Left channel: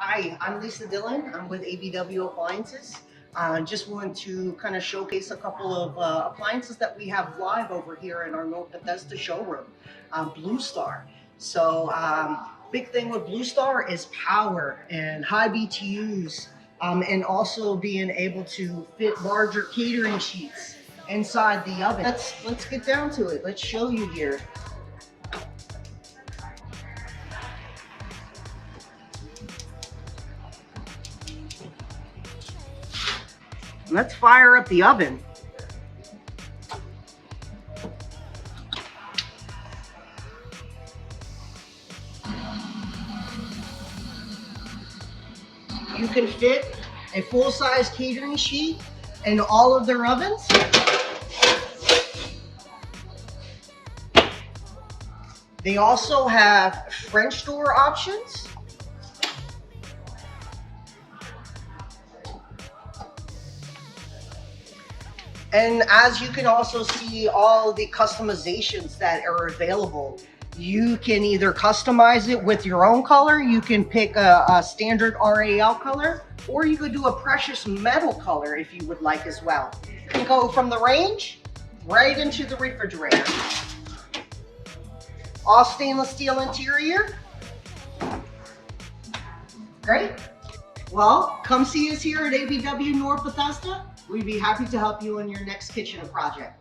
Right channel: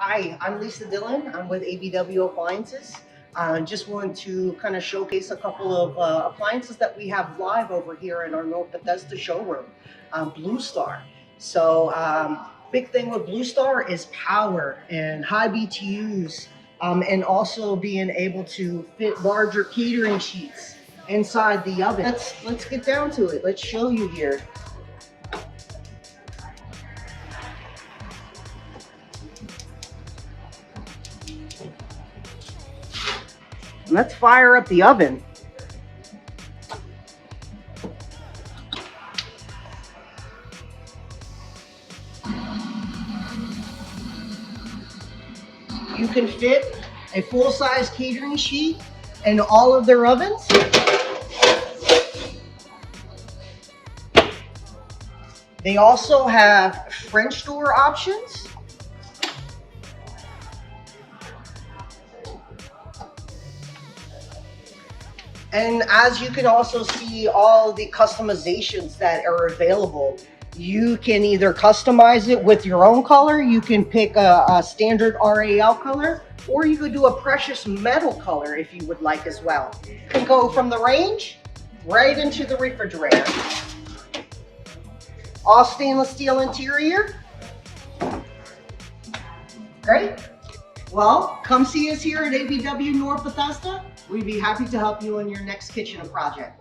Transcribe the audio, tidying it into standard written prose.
Hi, I'm Lisa Dillon. I'm with ABW Appliances. Just want to kind of showcase a couple of appliances that we have live over here in our North Bethesda showroom, BlueStar. Big thing with BlueStar is power and high BTUs, and also being able to fit larger catering sheets inside the oven. Let's get down to it. Let's show you here. Let's fire up the oven. You can fit a full-size catering sheet in all of their ovens. They also have French door options. And as you can also see all the customizations that are available, you can either customize it with your own color, you can pick a standard RAL color, or you could do a precious metal color if you would like as well. You can go from the range right into the refrigerator. All stainless steel interior. Great. Well, come see us here at ABW North Bethesda. We'd be happy to help you in your next kitchen project.